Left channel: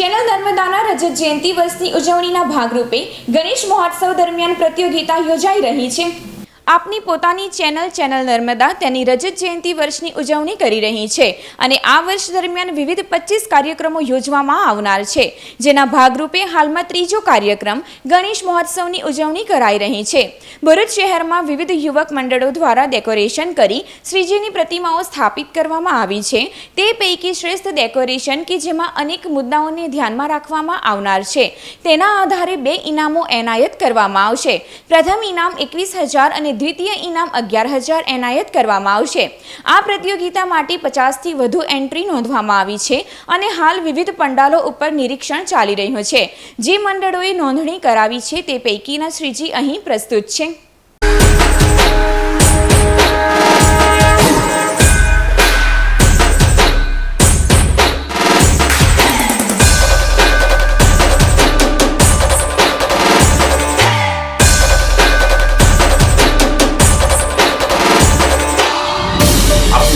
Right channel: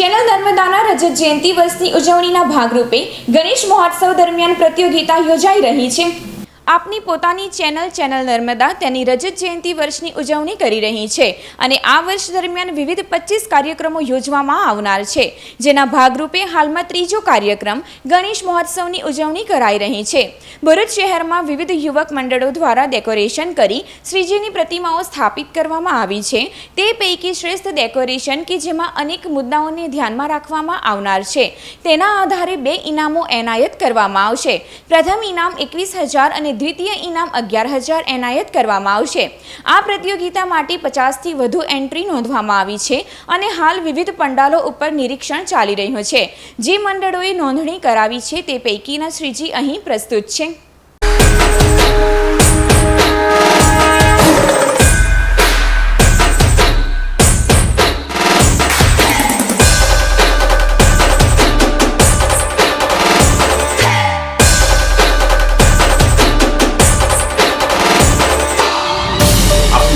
Channel નર્મદાના રજત જયંતિ વર્ષની ઉજવણીના ભાગરૂપે ગણેશ મહોત્સવ દરમિયાન પ્રતિયોગિતા યોજાઈ રહી છે. આપની પોતાની ચેનલ ચેનલ નર્મદા તેની રજત જયંતિ વર્ષની ઉજવણી કરી રહી છે અને આ વર્ષ દરમિયાન વિવિધ પચીસ કાર્યક્રમો યોજવામાં આવનાર છે. જેના ભાગરૂપે હાલમાં ત્રીજો કાર્યક્રમ ગણેશ મહોત્સવની ઉજવણી કરાઈ રહી છે. ભરૂચ શહેરમાં વિવિધ યુવક મંડળો દ્વારા ડેકોરેશન કરી શ્રીજીની પ્રતિમાઓ સ્થાપિત કરવામાં આવી છે. તે પૈકી શ્રેષ્ઠ ડેકોરેશન કે જેમાં અનેક મુદ્દાઓને ધ્યાનમાં રાખવામાં આવનાર છે. તેના આધારે બે ઇનામો એનાયત કરવામાં આવશે. પ્રથમ ઇનામ એકવીસ હજાર અને દ્વિતીય ઇનામ અગિયાર હજાર એનાયત કરવામાં આવશે. આ પ્રતિયોગિતા માટે પચાસથી વધુ એન્ટ્રી નોંધવામાં આવી છે અને હાલ વિવિધ પંડાલો ઉપર નિરીક્ષણ ચાલી રહ્યું છે. જે મંડળોએ નોંધણી કરાવી છે તે પૈકીના શ્રીજી અહીં પ્રસ્તુત છે.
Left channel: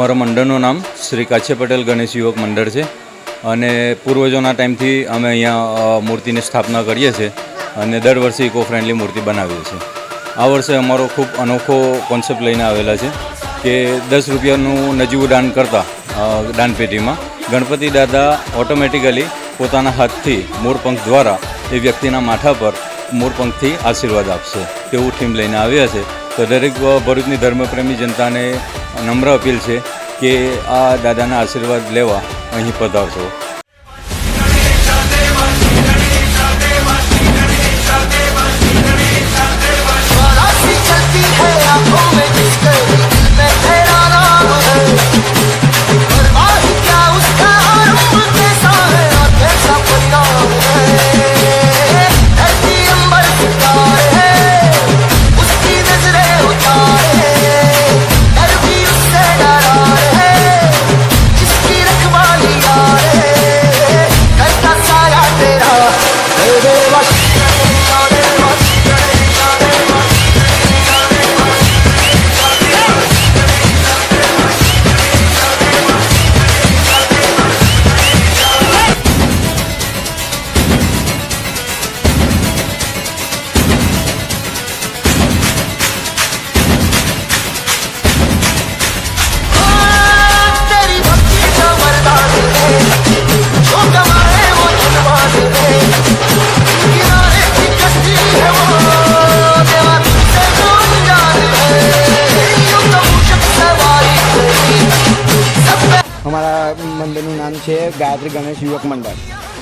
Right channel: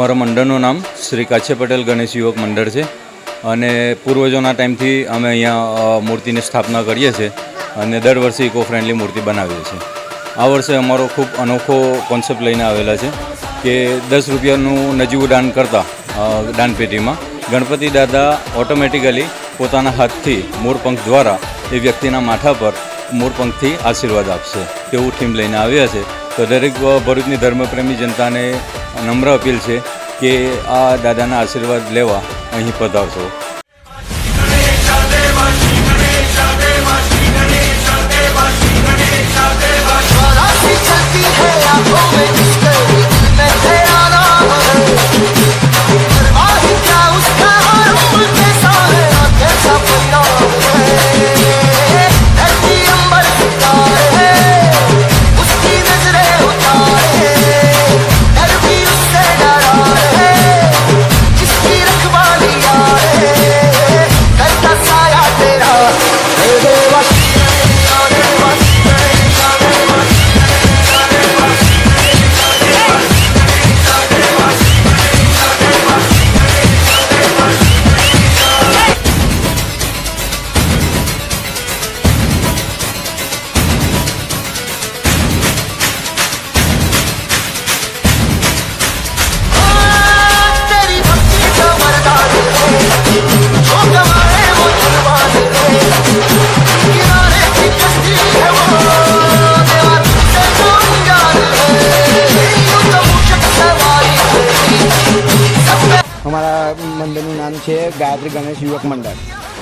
અમારા મંડળનું નામ શ્રી કાછે પટેલ ગણેશ યુવક મંડળ છે. અને પૂર્વજોના ટાઈમથી અમે અહીંયા મૂર્તિની સ્થાપના કરીએ છીએ અને દર વર્ષે ઇકો ફ્રેન્ડલી મૂર્તિ બનાવીએ છીએ. આ વર્ષે અમારો ખૂબ અનોખો કોન્સેપ્ટ લઈને આવેલા છે કે દસ રૂપિયાનું નજીવું દાન કરતાં દાનપેટીમાં ગણપતિ દાદા ઓટોમેટિકલી પોતાના હાથથી મોરપંખ દ્વારા એ વ્યક્તિના માથા પર મોરપંખથી આશીર્વાદ આપશે. તેવું થીમ લઈને આવ્યા છે. તો દરેક ભરૂચની ધર્મપ્રેમી જનતાને નમ્ર અપીલ છે કે આ દાદાના આશીર્વાદ લેવા અહીં પધારશો.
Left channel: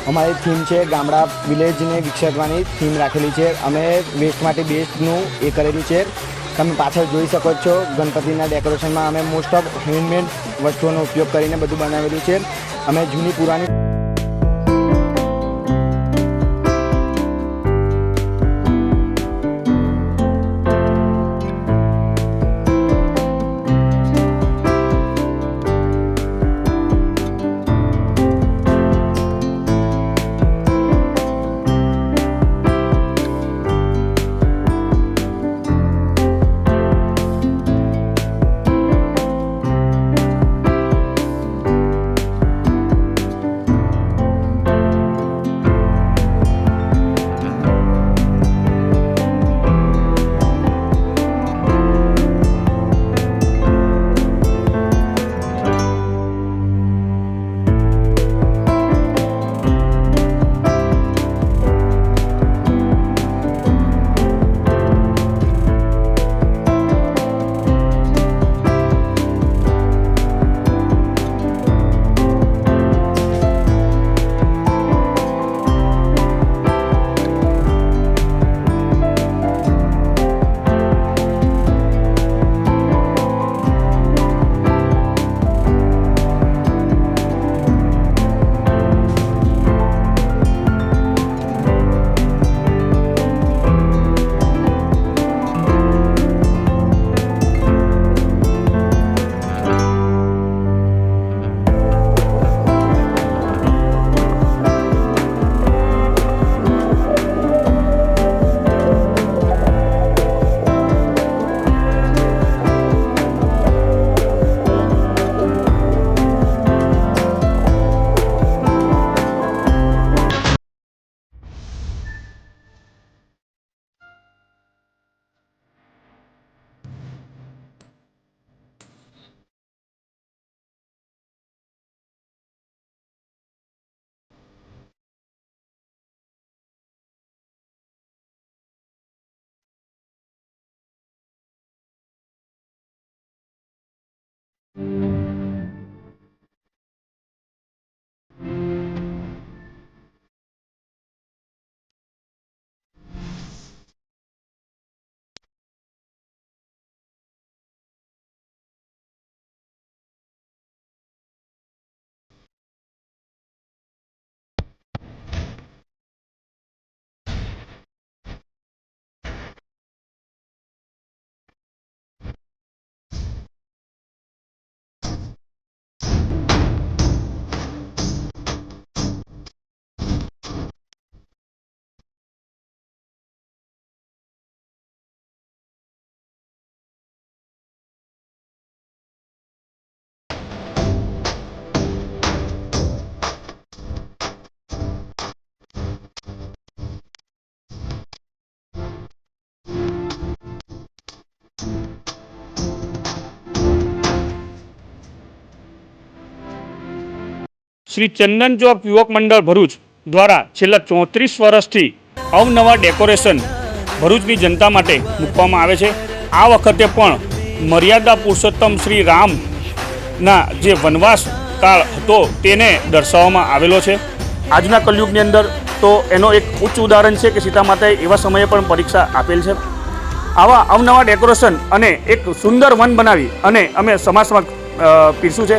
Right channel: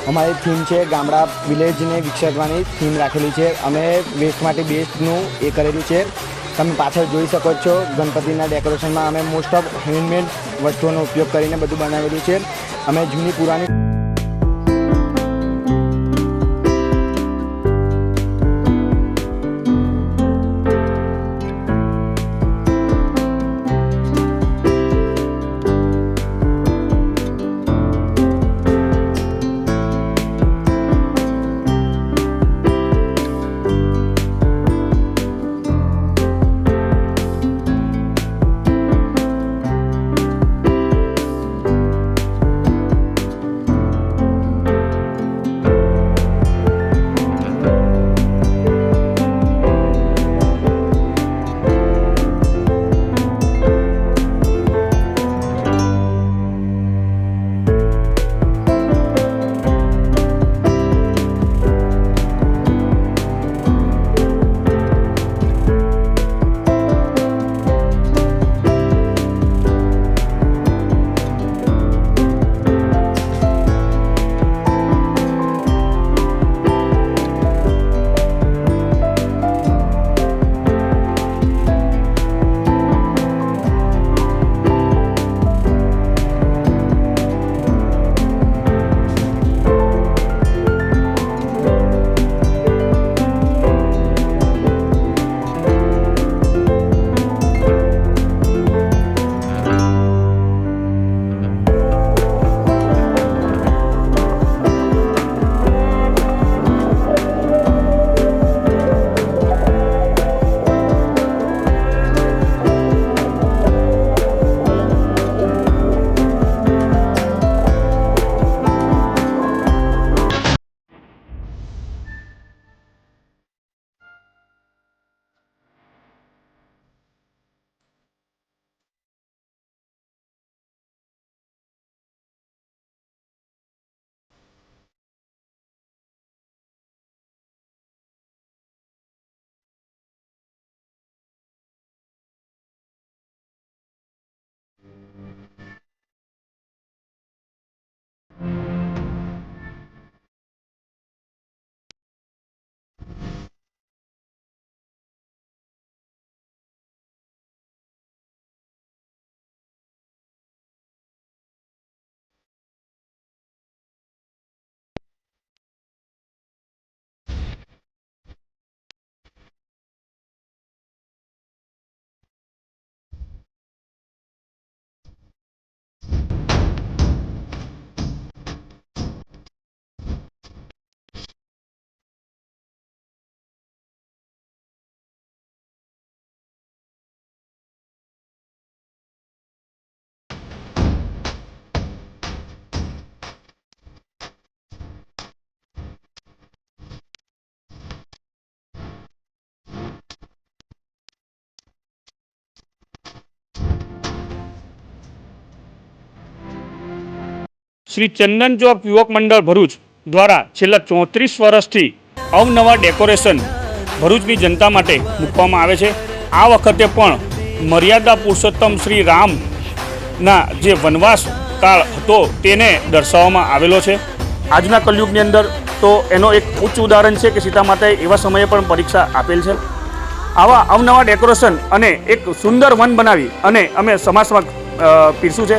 અમારી થીમ છે ગામડા વિલેજને વિકસાવવાની થીમ રાખેલી છે. અમે વેસ્ટમાંથી બેસ્ટનું એ કરેલું છે. તમે પાછળ જોઈ શકો છો, ગણપતિના ડેકોરેશનમાં અમે મોસ્ટ ઓફ હેન્ડમેડ વસ્તુઓનો ઉપયોગ કરીને બધું બનાવેલું છે. અમે જૂની પુરાણી શ્રી ચંદન ચોક યુવક મંડળ ભરૂચ દ્વારા છેલ્લા ચોત્રીસ વર્ષથી અવનવા ડેકોરેશન ભરૂચની જનતા માટે મૂકવામાં આવે છે. આ વખતે પણ મર્યાદા પુરુષોત્તમ શ્રી રામના જે વનવાસ કાળ હતો તેને દર્શાવવામાં આવેલો છે. આજના કલયુગની અંદર તો એનો એક ઉચ્ચ ઉદાહરણ છે કે સીતા માતાએ એવા સમયે પણ પરીક્ષા આપેલ છે. આવા અવનવા ડેકોરેશન અને એક સુંદર વન બનાવી અને અમે સમાજ સમક્ષ પીરસ્યું છે.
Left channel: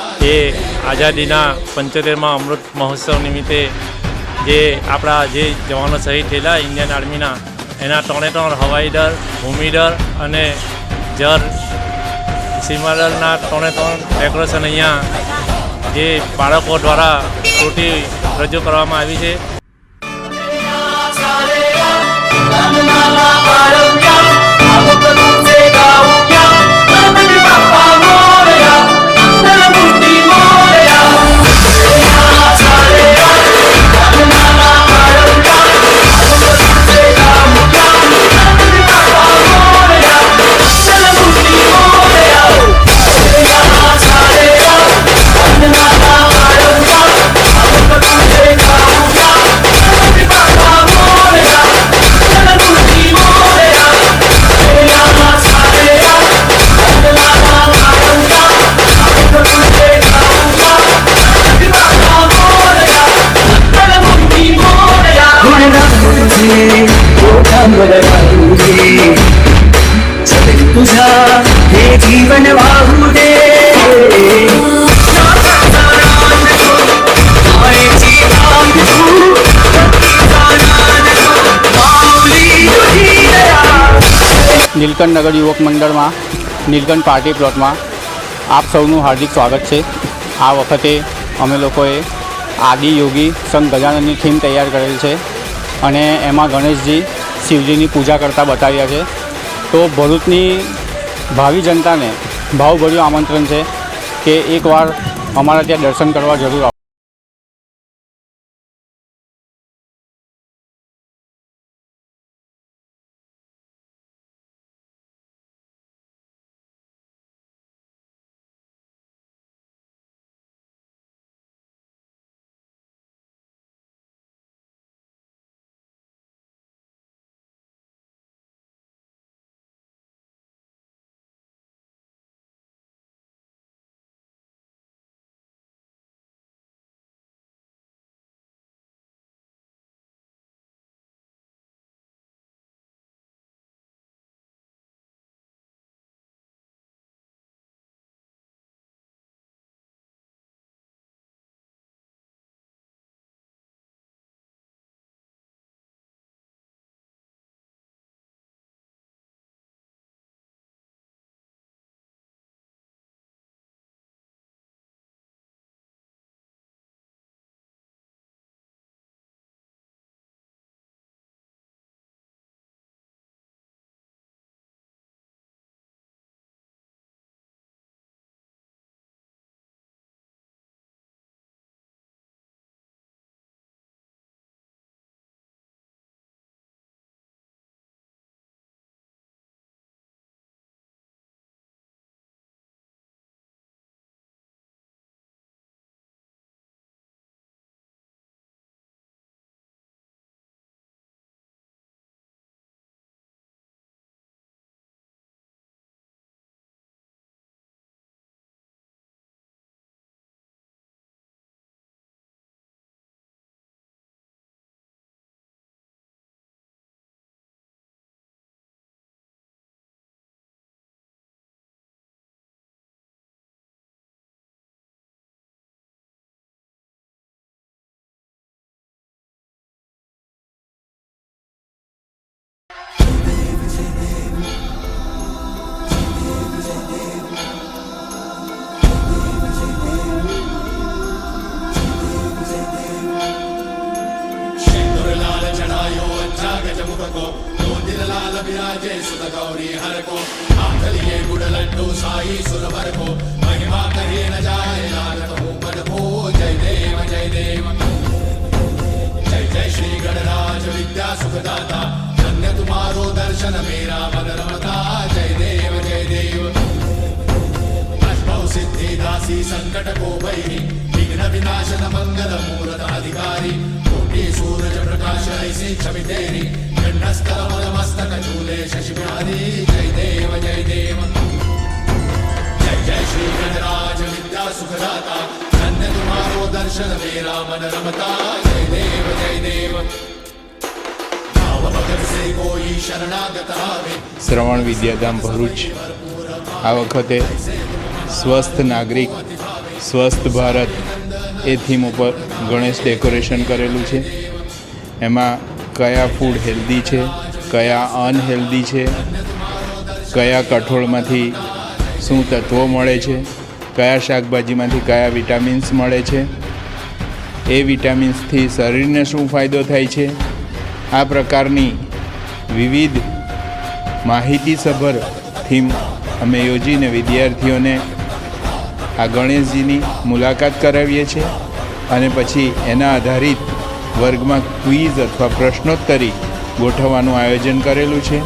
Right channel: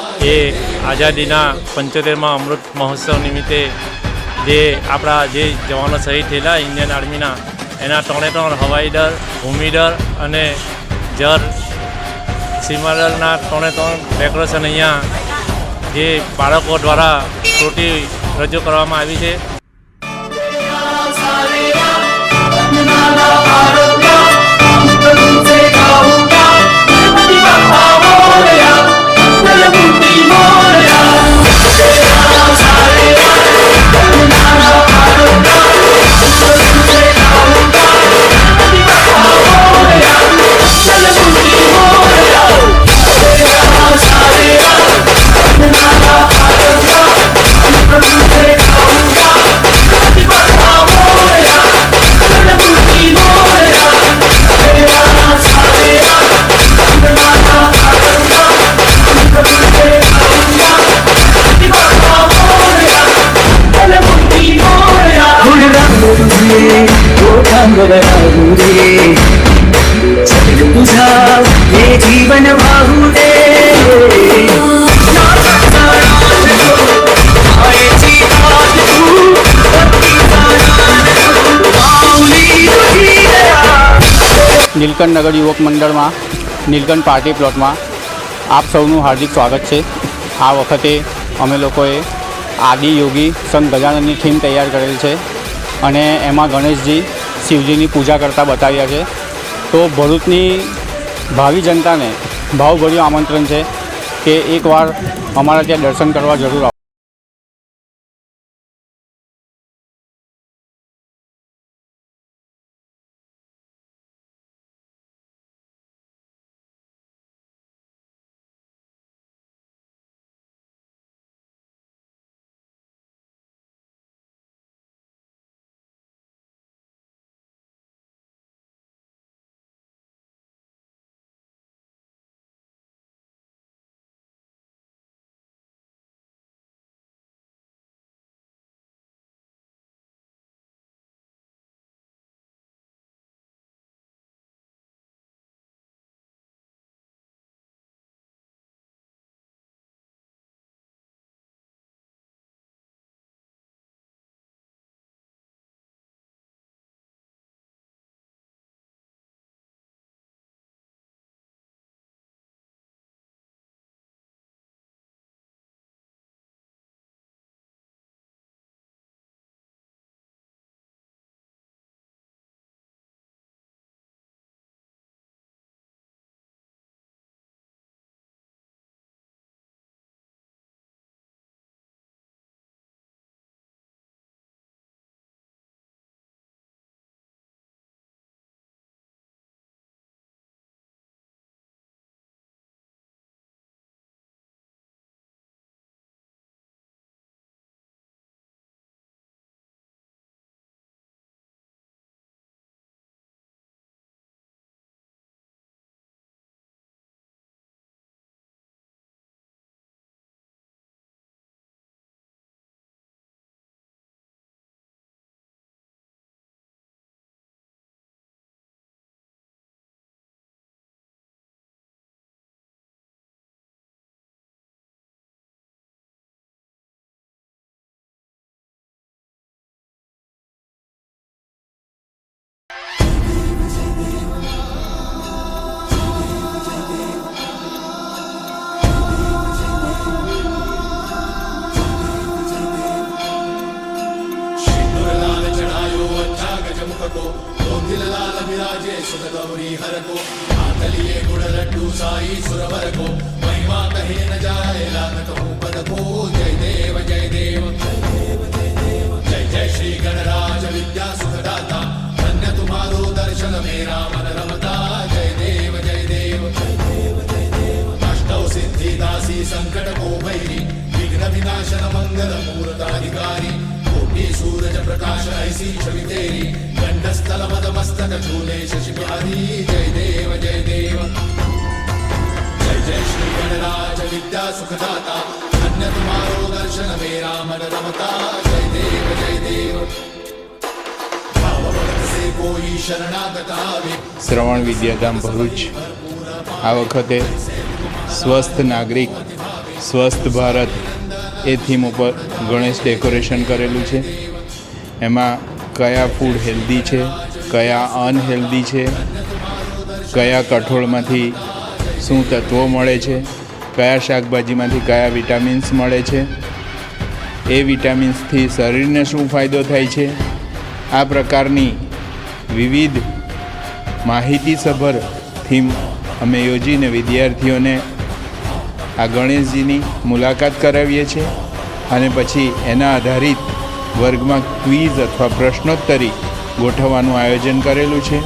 એ આઝાદીના પંચોતેરમાં અમૃત મહોત્સવ નિમિત્તે જે આપણા જે જવાનો શહીદ થયેલા ઇન્ડિયન આર્મીના, એના ત્રણે ત્રણ હવાઈ દળ, ભૂમિ દળ અને જર સીમાદળના ત્રણે ત્રણ ડેકોરેશન અહીંયા જે બાળકો દ્વારા કૃતિ રજૂ કરવામાં આવી છે. નીલકંઠ નગર યુવક મંડળમાં, નીલકંઠ પાર્ટી પ્લોટમાં આપ સૌનું હાર્દિક સ્વાગત છે. આ વખતે અમે લોકોએ આદિ યોગી સંત ગજાનંદની થીમ તૈયાર કરેલ છે અને એમાં ગણેશજી શિવજીની પૂજા કરતા બતાવ્યા છે. તો ભરૂચની ભાવિ જનતાને ભાવભર્યું આમંત્રણ છે કે એકવાર અમારા ત્યાં દર્શન કરવા જરૂર આવો సుర గౌరీ హరకో ఆంతలియే గుడలంటూ సాయి సురవరకో మహిమా కరే నజాయ లాగతో పదకో జయ దేవ జయ దేవ జయ జయ శ్రీ కోటి సూరజ ప్రకాశ ఐసి చవితేరి గండస్థల మదమ શ્રવણ વિદ્યાધામ ભરૂચ. આ વખતે સ્વસ્થ નાગરિક, સ્વસ્થ ભારત એ થીમ ઉપર ગણેશ ડેકોરેશન કરેલું છે. એમાં કયા ફૂડ હેલ્ધી છે, કયા અનહેલ્ધી છે, કયા કઠોળમાંથી શું તત્વો મળે છે, કયા શાકભાજીમાંથી કયા વિટામિન્સ મળે છે, એ વિટામિન્સથી શરીરને શું ફાયદો થાય છે, આ પ્રકારની વિવિધ માહિતીસભર થીમ અમે યોજીને વિદ્યાર્થીઓને આ ગણેશજીની મુલાકાત કરાવીએ છીએ અને પછી એના આધારિત વર્ગમાં ક્વિઝ અથવા પ્રશ્નોત્તરી ગોઠવવાનું આયોજન કરેલું છે.